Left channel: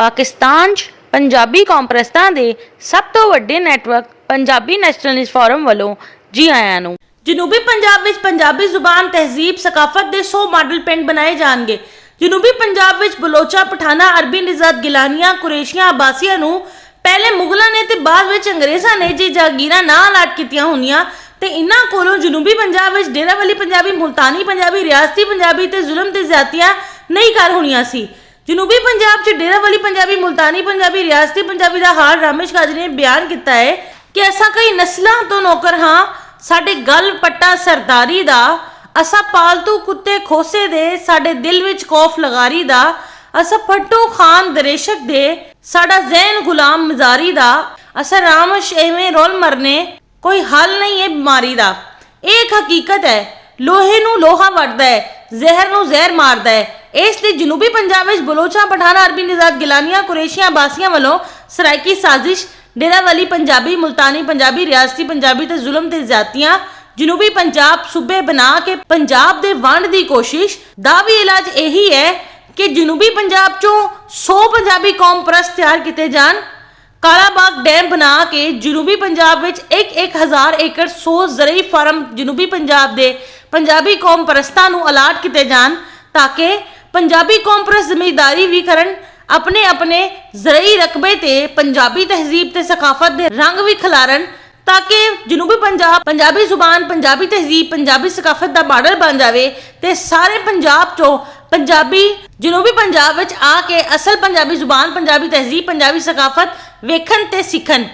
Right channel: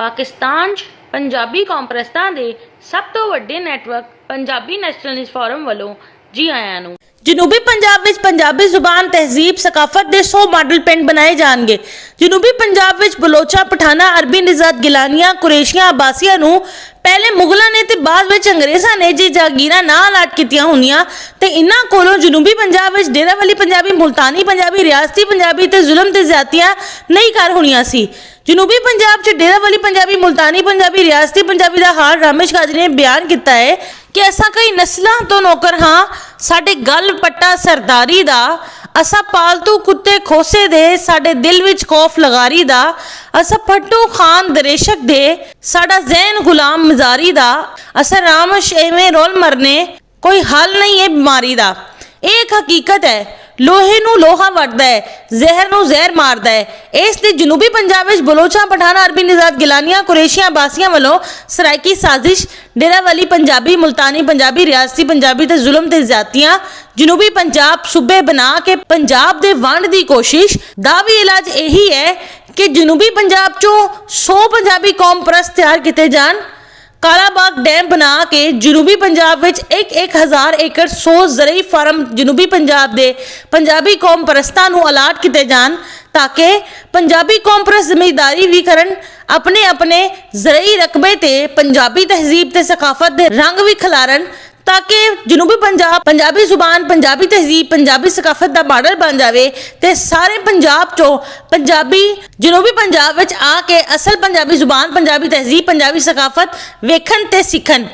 पाकिस्तान 'ਚ पंजाबी कॉम्प्रैस्तां दे सब तो वड्डे नैटवर्क पंजाबी नैशनलिस्ट फोरम वालों जी आयां नूं। जनूबी पंजाब विच पंजाबी जुबान तहजीब सकाफत दे 100 मॉडल पिंड बनाए जाणगे। जनूबी पंजाब विच बलोचा पठाना अरबी निजात गिलानियां कुरैशियां अब्बासियां नूं पहले मुगलों ने ते बाद विच अंग्रेज़ां ने जी जागीरां ना अलाट कीतियां होईयां ते इन्हां कोलों जनूबी पंजाब विच डेरा वाली पंजाबी मुल्तानी पंजाबी रियासती पंजाबी ते जुल्म ते ज़्यादतियां नहीं कर होणियां सी। जनूबी पंजाब च डेरा वाली पंजाबी मुल्तानी पंजाबी रियासती पंजाबी का हाल रामेश काजी ने बयान किया है कि असा कई नस्लों तो नौकर हाँ, साडे गल पट्टा सरदारी दा, असा पालतू कुत्ते खोसे दे, साडे दिल विच खौफ लगारी दा, असा पट्टू खान दरेशक दे, साडा जैन गुलाम मजारी दा, असा रामश एवें रोल मरने, कोई हल नहीं है बीमारी दा। एक हकीकत है, लोहे नूं लोहा वड़दा है, जहर नूं जहर मारदा है। इस ते जनूबी पंजाब विच बलोचा पठाना अरबी निजात गिलानियां कुरैशियां अब्बासियां वालों सराइकी साजिश डेरा वाली पंजाबी मुल्तानी पंजाबी रियासती पंजाबी ते जुल्म ते ज़्यादतियां जनूबी पंजाब सूबे बना के पंजाब दे वंड दी कोशिश दा भी इलाज यही है कि जनूबी पंजाब चों 100 पंजाबी कौम परस्त तैयार किए जान। कालाबाग डैम बना के जनूबी पंजाब विच 1,000 एकड़ 100 जरई फार्म जनूबी पंजाब दे पंजाबी कौम परस्तां नूं अलाट किए जान ताकि पंजाबी कौम परस्त जमींदारी भी करन, अपने अपने जरई रकबे ते पंजाबी तहजीब ते सकाफत दे रंग भी खिलारन ताकि जनूबी पंजाब पंजाबी जुबान पंजाबी तहजीब पंजाबी सकाफत का मॉडल बन जाए ते सारे पंजाब चो पंजाबी जनूबी पंजाब विच आके असल पंजाबी जुबान पंजाबी तहजीब पंजाबी सकाफत वेखन ते सीखन।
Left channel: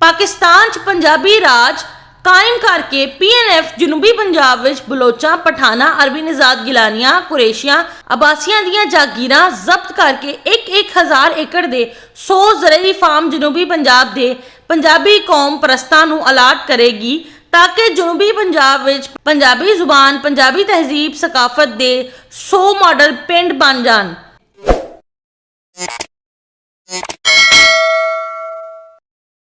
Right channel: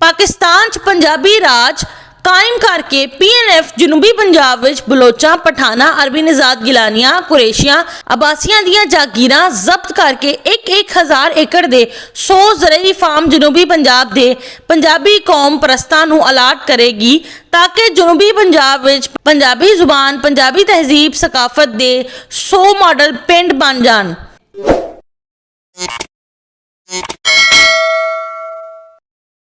पाकिस्तान च पंजाबी राज कायम करके PNF जनूबी पंजाब विच बलोचा पठाना अरबी निजात गिलानियां कुरैशियां अब्बासियां दियां जागीरां जब्त करके 1,000 एकड़ दे 100 जरई फार्म जनूबी पंजाब दे पंजाबी कौम परस्तां नूं अलाट करेगी ताकि जनूबी पंजाब विच पंजाबी जुबान पंजाबी तहजीब सकाफत दे 100 मॉडल पिंड बन जान।